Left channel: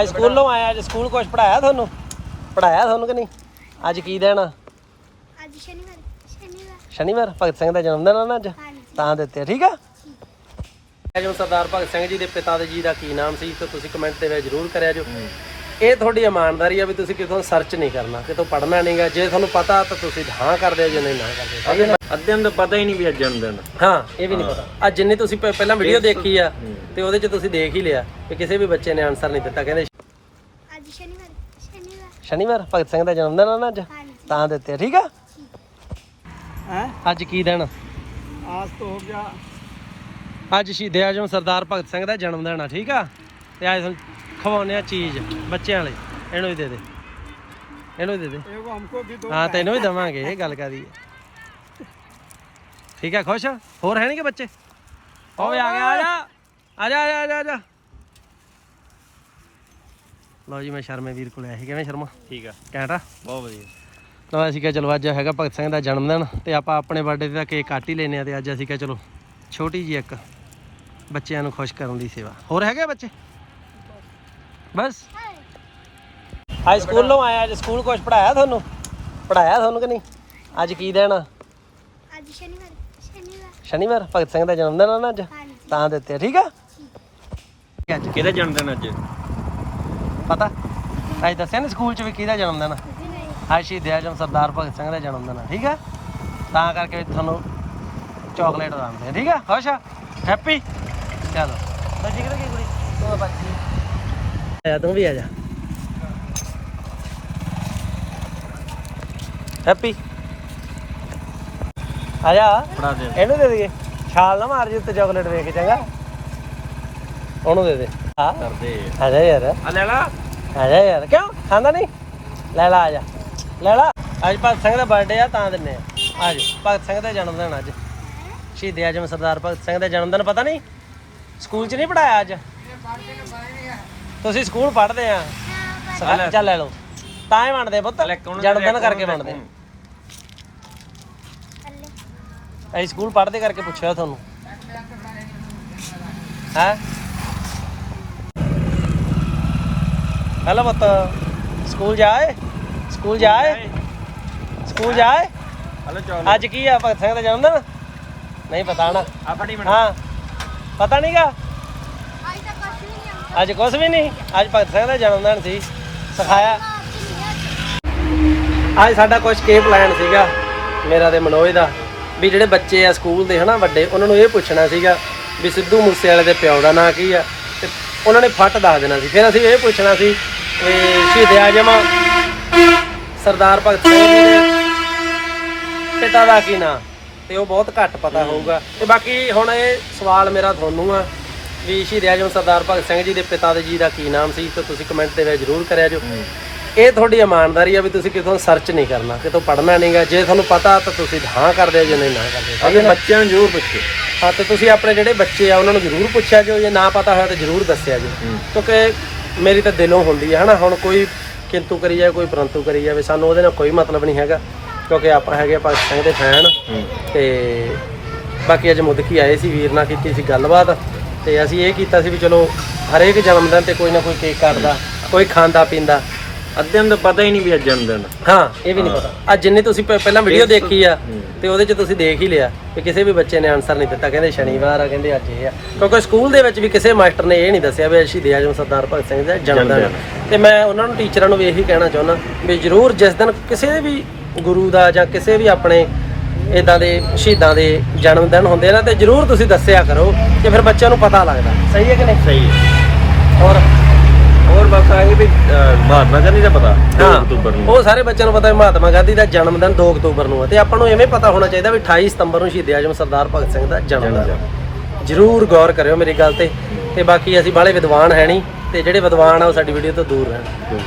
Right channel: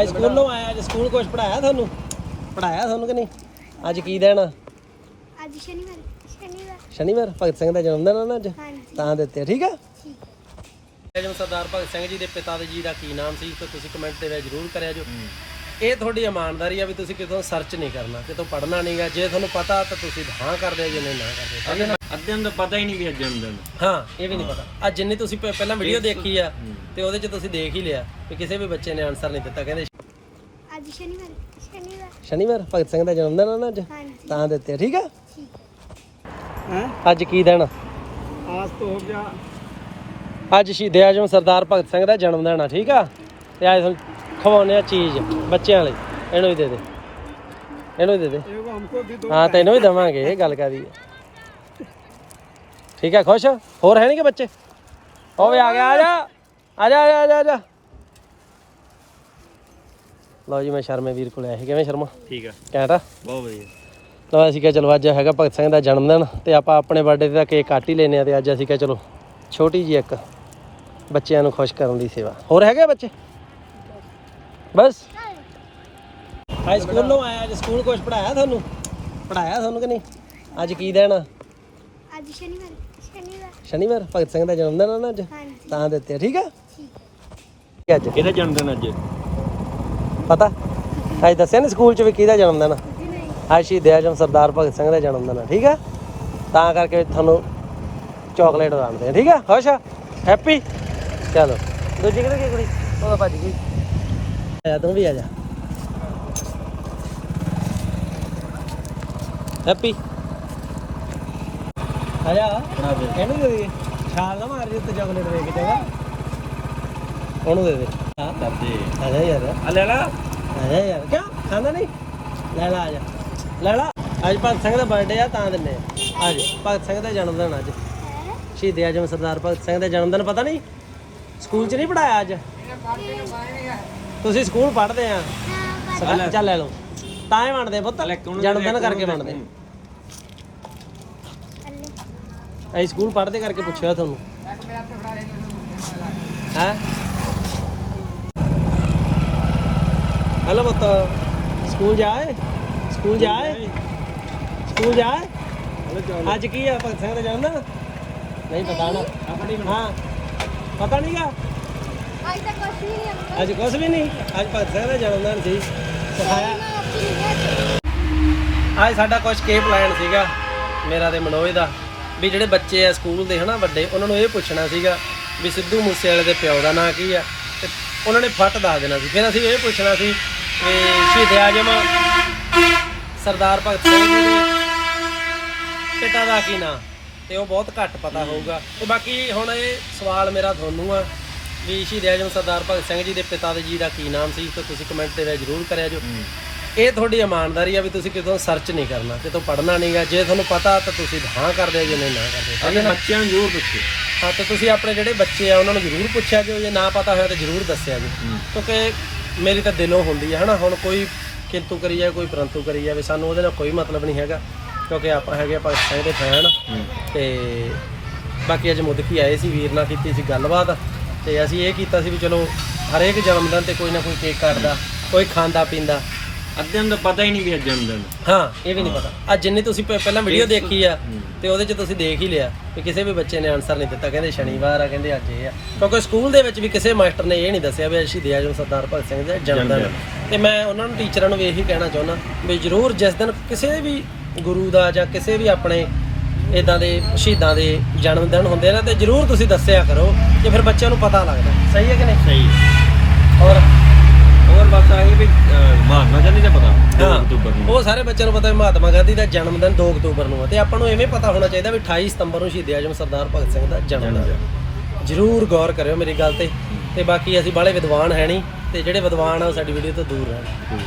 ਅੱਜ ਸਕੂਲੋਂ ਆਇਆ ਅੱਜ ਸਕੂਲ ਕੁਝ ਪੜਾਇਆ ਤੁਹਾਨੂੰ? ਪੜਾਇਆ ਤੁਹਾਨੂੰ ਕਿ ਨਹੀਂ? ਅੱਜ ਕੀ ਦਿਨ ਆ? ਅੱਜ ਸ਼ਨੀਵਾਰ ਸ਼ਨੀਵਾਰ। ਸ਼ਨੀਵਾਰ? ਭਗਤ ਸਿੰਘ ਦਾ ਜਨਮ ਦਿਨ ਆ ਨਾ ਅੱਜ? ਹਾਂਜੀ। ਤਾਂ ਦਿੱਤੇ ਆ, ਠੀਕ ਆ? ਠੀਕ ਜੋ ਸਰਦਾਰ ਭਗਤ ਸਿੰਘ ਜੀ ਦੇ ਪਿਤਾ ਦੇ ਜੀ ਦਾ ਕੀ ਨਾਮ ਸੀ ਤੇ ਤੁਸੀਂ ਕਮੈਂਟ ਦੇ ਵਿੱਚ ਜ਼ਰੂਰ ਕਰਿਆ ਜੋ। ਇਹ ਤੁਹਾਡੀ ਇਮਾਨਦਾਰੀ ਆ ਵੀ ਤੁਸੀਂ ਕਿਤੋਂ ਸਰਚ ਨਹੀਂ ਕਰਨਾ ਕਿਤੋਂ ਪੜਨਾ ਨਹੀਂਗਾ ਜੇ ਤੁਹਾਨੂੰ ਪਤਾ ਤਾਂ ਤੁਸੀਂ ਹਾਂ ਕਰਦੇ ਹੋ ਜੇ ਨਹੀਂ ਨਾ ਕਰਦੇ? ਅੱਧਿਆਂ ਦਾ ਪਤਾ ਹੀ ਨਹੀਂ ਵੀ ਅੱਜ ਜਨਮ ਦਿਨ ਹਾਂ। ਇਹ ਵੀ ਨਹੀਂ ਪਤਾ। ਅੱਜ ਜਿੰਨੀ ਤੁਸੀਂ ਪ- ਪਹਿਲਾਂ ਵੀਡੀਓ ਦੇਖੀ ਆ ਤੇ ਉਹਦੇ 'ਚ ਤੁਸੀਂ ਦੇਖ ਹੀ ਲਿਆ ਕਿ ਕਿਸੇ ਵੀ ਬੱਚੇ ਨੇ ਆਨਸਰ ਨਹੀਂ ਦਿੱਤਾ। ਕਹਿੰਦੇ ਅੱਜ ਸ਼ਨੀਵਾਰ ਸ਼ਨੀਵਾਰ। ਸ਼ਨੀਵਾਰ? ਭਗਤ ਸਿੰਘ ਦਾ ਜਨਮ ਦਿਨ ਆ ਨਾ ਅੱਜ? ਹਾਂਜੀ। ਤਾਂ ਦਿੱਤੇ ਆ, ਠੀਕ ਆ? ਹੈ? ਅੱਜ ਕੀ ਦਿਨ? ਆ? ਆਜ ਤੋਂ ਹੋ ਗਿਆ। ਅੱਜ ਸ਼ਹੀਦ ਆਜਮ ਸਰਦਾਰ ਭਗਤ ਸਿੰਘ ਦਾ ਜਨਮ ਦਿਨ ਆ ਠੀਕ ਆ? ਤੇ ਅੱਜ ਖਵਾਉਣੇ ਆ ਚੀਜ਼ ਬੱਚਿਆਂ ਲਈ। ਇਹਨੂੰ ਵੀ ਦੇ ਦੇ। ਇਹਨੂੰ ਵੀ ਦੇ ਦੇ। ਇਹ ਹਮਕੋ ਵੀ ਦੋ ਹਾਂ ਤੈਨੂੰ ਵੀ ਦਵਾਂਗੇ ਇਹ ਗੱਲ ਕਰੀ ਹੈ ਠੀਕ ਹੈ ਖੁਸ਼? ਹੋਰ ਹੈ ਨਹੀਂ ਕਿ ਬੱਚੇ? ਉਹ ਵੀ ਆ ਗਿਆ ਆ ਜਾ ਆ ਜਾ ਆ ਜਾ, ਆ ਜਾ। ਲਓ ਜੀ ਮੈਂ ਸ਼ਰਮੇ ਵੀਰ ਕੋਲ ਆਇਆ ਸੀ। ਕਿਵੇਂ ਸ਼ਰਮਾ? ਠੀਕ ਆ। ਕੈਂਟਾ ਬਹੁਤ ਵਧੀਆ। ਤਾਂ ਅਸੀਂ ਕਿਹਾ ਚਲੋ ਅੱਜ ਹੈਗਾ ਭਗਤ ਸਿੰਘ ਦਾ ਜਨਮ ਦਿਨ ਤੇ ਆਪਾਂ ਆਪਣੇ ਬਰਥਡੇ ਤੇ ਤਾਂ ਕੇਕ ਕੱਟ ਹੀ ਲੈਨੇ ਆ ਤੇ ਅੱਜ ਅਸੀਂ ਕਿਹਾ ਚਲੋ ਛੋਟੀ ਜੀ ਇੱਕ ਬੱਚਿਆਂ ਨੂੰ ਖੁਸ਼ ਕਰਨ ਦੀ ਸੇਵਾ। ਹੋਰ ਹੈਗੇ ਬੱਚੇ? ਬਸ। ਅੱਜ ਸਕੂਲੋਂ ਆਇਆ ਅੱਜ ਸਕੂਲ ਕੁਝ ਪੜਾਇਆ ਤੁਹਾਨੂੰ? ਪੜਾਇਆ ਤੁਹਾਨੂੰ ਕਿ ਨਹੀਂ? ਅੱਜ ਕੀ ਆ? ਅੱਜ ਸ਼ਨੀਵਾਰ। ਸ਼ਨੀਵਾਰ ਭਗਤ ਸਿੰਘ ਦਾ ਜਨਮ ਦਿਨ ਆ ਨਾ ਅੱਜ? ਤਾਂ ਦਿੱਤੇ ਆ, ਠੀਕ ਆ? ਠੀਕ ਅੱਜ। ਕਿਹਦਾ ਜਨਮ ਦਿਨ ਅੱਜ? ਪਤਾ? ਅੱਜ ਦੱਸਿਆ ਨਾ ਸਕੂਲ ਚ ਵੀ ਕਿਹਦਾ ਜਨਮ ਦਿਨ ਆ? ਅੱਜ ਸ਼ਹੀਦ ਆਜਮ ਸਰਦਾਰ ਭਗਤ ਸਿੰਘ ਦਾ ਜਨਮ ਦਿਨ ਹੈ ਠੀਕ ਆ? ਤਾਂ ਕਰਕੇ ਤੁਹਾਨੂੰ ਚਾਕਲੇਟ ਵੰਡਦੇ ਆ ਠੀਕ ਆ? ਖੁਸ਼ ਆ? ਹੈਪੀ ਚਲੋ। ਦੂਜੀ ਕਿਹੜੀ ਕੁਕੜੀ ਚਲੋ ਭਾਜੀ ਜੀ ਆਇਆ ਤੂੰ ਵੀ ਆ ਜਾ। ਹੈਪੀ ਆ ਜਾ ਬਣਾ ਦੇ। ਇਹਨੂੰ ਦੇ ਦੇਈਏ। ਛਾਲ ਨਾ ਮਾਰ ਜੀ ਉੱਤੇ ਚਾਕਲੇਟ ਵੇਖ ਚੰਗਾ। ਉਹਨੂੰ ਦੇ ਦੇ। ਆ ਕਰਦੇ। ਆ ਜਾ ਯਾਰ। ਆ ਲੈ ਲਾ। ਆ ਜਾ ਯਾਰ। ਕਿਉਂ? ਖਾਂਦਾ ਨਹੀਂ? ਲੈ ਲਾ ਆ ਜਾ। ਲੈ ਲਾ। ਅੱਜ ਭਗਤ ਸਿੰਘ ਦਾ ਬਰਥਡੇ ਆ ਤਾਂ ਦਿੰਨੇ ਆ। ਅੱਜ ਭਗਤ ਸਿੰਘ ਦਾ ਜਨਮ ਦਿਨ ਅੱਜ। ਸ਼ਹੀਦ ਆਜਮ ਸਰਦਾਰ ਭਗਤ ਸਿੰਘ ਦਾ ਜਨਮ ਦਿਨ ਪਤਾ ਨਹੀਂ? ਸਕੂਲ 'ਚ ਨਹੀਂ ਪੜਾਇਆ ਅੱਜ? ਤੁਸੀਂ ਸਕੂਲ ਪੜ੍ਹਦੇ ਆ। ਚੱਲ ਲੈ ਲਓ। ਤਾਂ ਹੀ ਵੰਡਦੇ ਪੁੱਤ। ਜਨਮ ਦਿਨ ਕਰਕੇ ਵੰਡਦੇ ਅਸੀਂ ਸਕੂਲ ਪੜ੍ਹਦੇ ਕਰਕੇ ਪੁੱਛਿਆ ਤੁਹਾਨੂੰ। ਹੈ? ਹੈਲੋ ਪੁੱਤ ਸਕੂਲ ਜਾਏ? ਸਕੂਲ ਜਾਏ? ਸਕੂਲ ਜਾਏ? ਅੱਜ ਕੀ ਆ ਭਗਤ ਸਿੰਘ ਦਾ ਜਨਮ ਦਿਨ? ਨਹੀਂ ਪਤਾ ਨਾ। ਹਾਂ। ਪਤਾ ਨਹੀਂਗਾ ਅੱਜ ਤਾਂ ਕੁਛ ਵੀ ਨਹੀਂ ਅੰਕਲ ਅੱਜ ਕੁਝ ਵੀ ਨਹੀਂ ਅੱਜ ਭਗਤ ਸਿੰਘ ਦਾ ਜਨਮ ਦਿਨ ਸੀ। ਸਿਖਾਇਆ। ਅੱਜ ਸਾਡਾ ਕੁਝ ਕੇ ਪਲਾਨ ਸੀਗਾ? ਮੇਰਾ ਤੇ ਮਨੋਜ ਦਾ। ਵੀ ਜਿਹੜੇ ਬੱਚੇ ਆ ਸਕੂਲ ਦੇ ਹਨਾ ਵੱਡੇ, ਉਹਨਾਂ ਨੂੰ ਇਹ ਪੁੱਛਣਾ ਸੀਗਾ ਵੀ ਸਿੱਧੂ ਮੂਸੇ ਵਾਲੇ ਦੇ ਪਿਓ ਦਾ ਨਾਂ ਕੀ ਆ? ਤੇ ਉਹਨਾਂ ਨੇ ਫੱਟ ਦੱਸ ਦੇਣਾ ਸੀ। ਫਿਰ ਅਸੀਂ ਇਹ ਪੁੱਛਣਾ ਸੀ ਕਿ ਸ਼ਹੀਦ ਆਜਮ ਸਰਦਾਰ ਭਗਤ ਸਿੰਘ ਦੇ ਪਿਤਾ ਦਾ ਕੀ ਨਾਂ? ਤੇ ਉਹ ਬਹੁਤ ਘੱਟ ਪਤਾ ਹੋਊਗਾ। ਤੇ ਬਾਕੀ ਹੁਣ ਇਹ ਸਵਾਲ ਮੇਰਾ ਤੁਹਾਨੂੰ ਆ ਵੀ ਸ਼ਹੀਦ ਆਜਮ ਸਰਦਾਰ ਭਗਤ ਸਿੰਘ ਜੀ ਦੇ ਪਿਤਾ ਦੇ ਜੀ ਦਾ ਕੀ ਨਾਮ ਸੀ? ਤੇ ਤੁਸੀਂ ਕਮੈਂਟ ਦੇ ਵਿੱਚ ਜ਼ਰੂਰ ਕਰਿਆ ਜੋ। ਇਹ ਤੁਹਾਡੀ ਇਮਾਨਦਾਰੀ ਆ ਵੀ ਤੁਸੀਂ ਕਿਤੋਂ ਸਰਚ ਨਹੀਂ ਕਰਨਾ ਕਿਤੋਂ ਪੜਨਾ ਨਹੀਂਗਾ। ਜੇ ਤੁਹਾਨੂੰ ਪਤਾ ਤਾਂ ਤੁਸੀਂ ਹਾਂ ਕਰਦੇ ਹੋ ਜੇ ਨਹੀਂ ਨਾ ਕਰਦੇ ਆਪਣੇ ਬੱਚਿਆਂ ਨੂੰ ਜ਼ਰੂਰ ਪੁੱਛੋ। ਹਾਂ ਤਾਂ ਤੁਸੀਂ ਆਪਣੇ ਜਿਹੜੇ ਬੱਚੇ ਆ ਉਹਨਾਂ ਨੂੰ ਜ਼ਰੂਰ ਪੁੱਛਿਆ ਜੋ ਜੇ ਨਾ ਪਤਾ ਹੋਇਆ ਤਾਂ ਜ਼ਰੂਰ ਦੱਸਿਆ ਜੋ ਕਿਉਂਕਿ ਮੇਰੀ ਤਾਂ ਦਿਲੋਂ ਹੁੰਦੀ ਹੈ ਹਨਾ? ਹੁਣ ਕੋਈ ਕਿੰਤੂ ਕਰੀ ਜਾਵੇ ਕੋਈ ਪਰੰਤੂ ਕਰੀ ਜਾਵੇ ਸਾਨੂੰ ਉਹਦੇ ਨਾਲ ਕੋਈ ਮਤਲਬ ਨਹੀਂ ਹੈਗਾ ਕਿਉਂਕਿ ਆਪਾਂ ਹੈਗੇ ਭਗਤ ਸਿੰਘ ਦੇ ਫੈਨ। ਤੇ ਬਾਕੀ ਅੱਜ ਮੁੱਦਕੀ ਆਏ ਸੀ ਵੀਰ ਨਾਲ ਕੀਤੀ ਸੀ ਗੱਲਬਾਤ ਤੇ ਅਸੀਂ ਇਹ ਕੀਤਾ ਸੀ ਵੀ ਚਲੋ ਹਰੇਕ ਜਨਮ ਦਿਨ ਤੇ ਕੋਈ ਨਾ ਕੋਈ ਕੇਕ ਕੱਟਦਾ ਕੋਈ ਖਾਂਦਾ ਪੀਂਦਾ ਅੱਧਿਆਂ ਦਾ ਪਤਾ ਹੀ ਨਹੀਂ ਵੀ ਅੱਜ ਜਨਮ ਦਿਨ ਹਾਂ। ਇਹ ਵੀ ਨਹੀਂ ਪਤਾ। ਅੱਜ ਜਿੰਨੀ ਤੁਸੀਂ ਪ- ਪਹਿਲਾਂ ਵੀਡੀਓ ਦੇਖੀ ਆ ਤੇ ਉਹਦੇ 'ਚ ਤੁਸੀਂ ਦੇਖ ਹੀ ਲਿਆ ਕਿ ਕਿਸੇ ਵੀ ਬੱਚੇ ਨੇ ਆਨਸਰ ਨਹੀਂ ਦਿੱਤਾ। ਕਹਿੰਦੇ ਸ਼ਨੀਵਾਰ ਆ ਕਹਿੰਦੇ ਅੱਜ ਇਹ ਆ। ਕਿਉਂਕਿ ਸਕੂਲ ਦੇ ਵਿੱਚ ਵੀ ਕਿਸੇ ਮਾਸਟਰ ਨੇ ਇਹ ਨਹੀਂ ਦੱਸਿਆ ਵੀ ਸ਼ਹੀਦ ਆਜਮ ਸਰਦਾਰ ਭਗਤ ਸਿੰਘ ਦਾ ਜਨਮ ਦਿਨ। ਤੇ ਮੈਂ ਉਹਨਾਂ ਨੂੰ ਟੀਚਰਾਂ ਨੂੰ ਵੀ ਇਹੀ ਕਹਿਣਾ ਚਾਹੁੰਦਾ ਵੀ ਜ਼ਰੂਰ ਜਿਸ ਦਿਨ ਕਿਸੇ ਵੀ ਗੁਰੂ ਦਾ ਜਾਂ ਕਿਸੇ ਵੀ ਆਪਣੇ ਇਦਾਂ ਦੇ ਸ਼ਹੀਦਾਂ ਦੇ ਜਨਮ ਦਿਨ ਹੁੰਦੇ ਨਾ ਤੇ ਜ਼ਰੂਰ ਤੁਸੀਂ ਦੱਸਿਆ ਕਰੋ ਕਿ ਫਿਰ ਬੱਚਿਆਂ ਨੂੰ ਪਤਾ ਲੱਗਦਾ। ਸਹੀ ਹੈ ਕਿ ਨਹੀਂ? ਸਹੀ ਔਰ ਹੋਰ ਬਸ ਆਏ ਵੀ ਅਹ, ਮਹਾਤਮਾ ਗਾਂਧੀ ਦਾ ਪਤਾ 2 ਹਾਂ। ਅਕਤੂਬਰ ਨੂੰ। ਉਹ ਸਾਰੇ ਬੱਚਿਆਂ ਨੂੰ ਪਤਾ ਹੈ ਮਹਾਤਮਾ ਗਾਂਧੀ ਦਾ ਜਨਮ ਦਿਨ 2 ਅਕਤੂਬਰ ਨੂੰ ਹੈ ਤੇ ਆਪਾਂ ਨੂੰ ਐਵੇਂ ਪਤਾ ਹੋਣਾ ਚਾਹੀਦਾ ਵੀ 28 ਸਤੰਬਰ ਨੂੰ ਸ਼ਹੀਦ ਆਜਮ ਸਰਦਾਰ ਭਗਤ ਸਿੰਘ ਦਾ ਜਨਮ ਦਿਨ ਹੈ। ਜ਼ਰੂਰ ਗੌਰ ਕਰਿਓ ਮੇਰੀ ਗੱਲ ਤੇ। ਤੇ ਬਾਕੀ ਅਸੀਂ ਬਾਹਲੇ ਵਿਦਵਾਨ ਹੈ ਨਹੀਂ ਤੇ ਜਿਹੜੇ ਵਿਦਵਾਨ ਆ ਉਹ ਸਾਡੀ ਵੀਡੀਓ ਤੋਂ ਦੂਰ ਰਹਿਣ।